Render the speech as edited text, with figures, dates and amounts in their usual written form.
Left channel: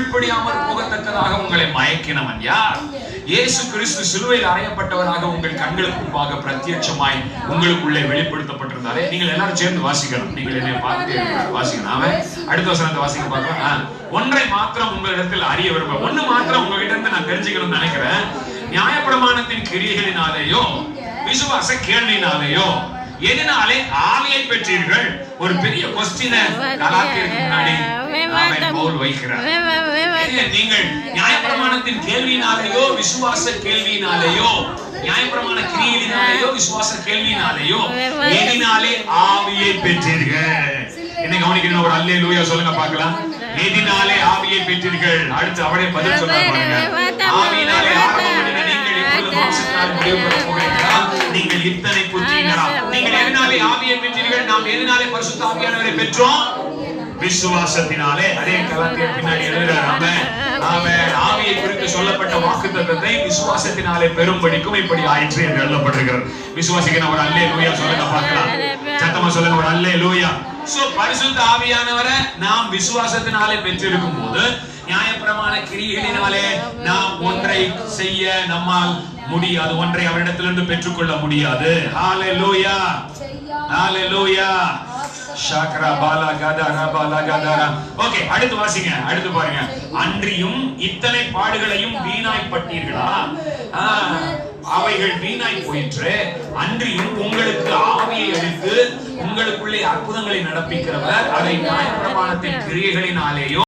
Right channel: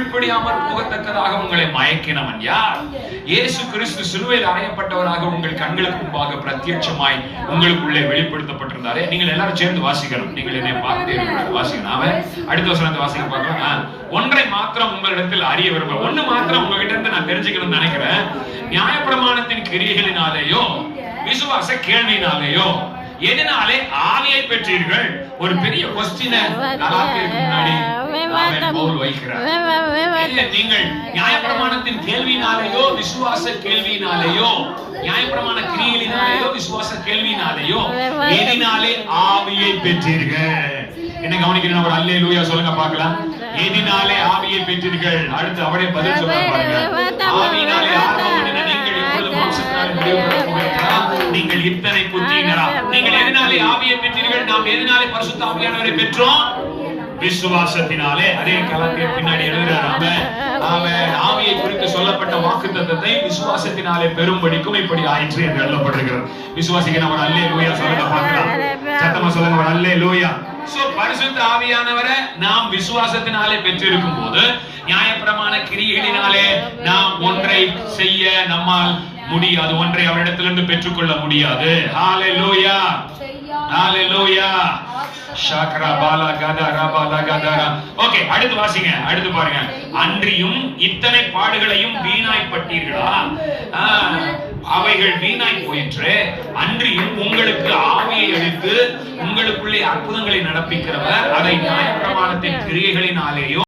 கீழ்ப்படியாமல் போகத்தக்கதாக உங்களை மயக்கினவன் யார்? இயேசு கிறிஸ்து சிலுவையில் அறையப்பட்டவராக உங்கள் கண்களுக்கு முன்பாக பிரத்யட்சமாய் உங்களுக்குள்ளே வெளிப்படுத்தப்பட்டிருந்தாரே. நீங்கள் எல்லாரும் சேர்ந்து வாசிக்கணும். நீங்கள் என்னை பார்த்து வாசிக்கணும். அவன் அடுத்த வசனத்தை வாசிக்க பார்க்கலாம். ஒன்றை மாத்திரம் உங்களிடத்தில் அறிய விரும்புகிறேன். ஒண்ணு மாத்திரம் உங்ககிட்ட இருந்து நான் தெரிஞ்சுக்கணும்னு நினைக்கிறேன். நியாயப்பிரமாணத்தின் கிரியைகளினாலேயோ விசுவாச கேள்வியினாலேயோ எதனாலே ஆவியை பெற்றீர்கள்? ஒரு பெரிய கொஸ்டினை முன்னாடி பவுல் வைக்கிறார். நீங்கள் நியாயப்பிரமாணத்தின் கேள்வியினாலேயோ விசுவாச கேள்வியினாலேயோ நியாயப்பிரமாண கிரியைகளினாலேயோ விசுவாச கேள்வியினாலேயோ எதனாலே ஆவியை பெற்றீர்கள்? என்ன கவனிக்கிறீங்க? ஒரு அல்லேலூயா சொல்லுங்க பார்க்கலாம். எதனாலே ஆவியை பெற்றீர்கள்? அடுத்து அவரே பதில் சொல்றாங்க. ஆவியினாலே நீங்கள் இத்தனை புத்திரரா? நீங்கள் எதனாலே ஆவியை பெற்றீர்கள்? நாம் எதனாலே பரிசுத்த ஆவியானவரை பெற்றோம்? விசுவாசத்தினாலே. அதே காலத்தில் பின்னாடி எழுதுறாங்க. ஆவியை குறித்து சொல்லப்பட்ட வாக்குத்தத்தத்தை விசுவாசத்தினாலே பெரும்படிக்கும் இப்படி ஆயிற்று என்று எழுதப்பட்டிருக்கிறது. விசுவாசிக்க நம்ம அல்லேலூயா சொல்லுங்க பார்க்கலாம். சத்தமா சொல்லுங்க ஒரு அல்லேலூயா. சோ பரிசுத்த ஆவியானவரை நாம் விசுவாசத்தினாலே பெற்றிருக்கும் போது நியாயப்பிரமாண கிரியைகளினாலே நாம் ஒன்றை செய்ய நம்மால் முடியாது. ஒன்றை அவரிடத்திலிருந்து பெற்றுக்கொள்ள முடியாது. ஹalleluya ஹalleluya ஷாக்ரா பாலா கதரா பாலா கதரா. ஓகே, அடுத்து வாசிங்க. அடுத்து பாருங்க. அன்றியும் இத்தனை பாடுகளையும் வீணாய் பட்டீர்களா? அவைகள் வீணாய் போயிற்று. அன்றியும் உங்களுக்கு ஆவியை அளித்து உங்களுக்குள்ளே அற்புதங்களை நடப்பிக்கிறவர் அதை நியாயப்பிரமாணத்தின் கிரியைகளினாலேயோ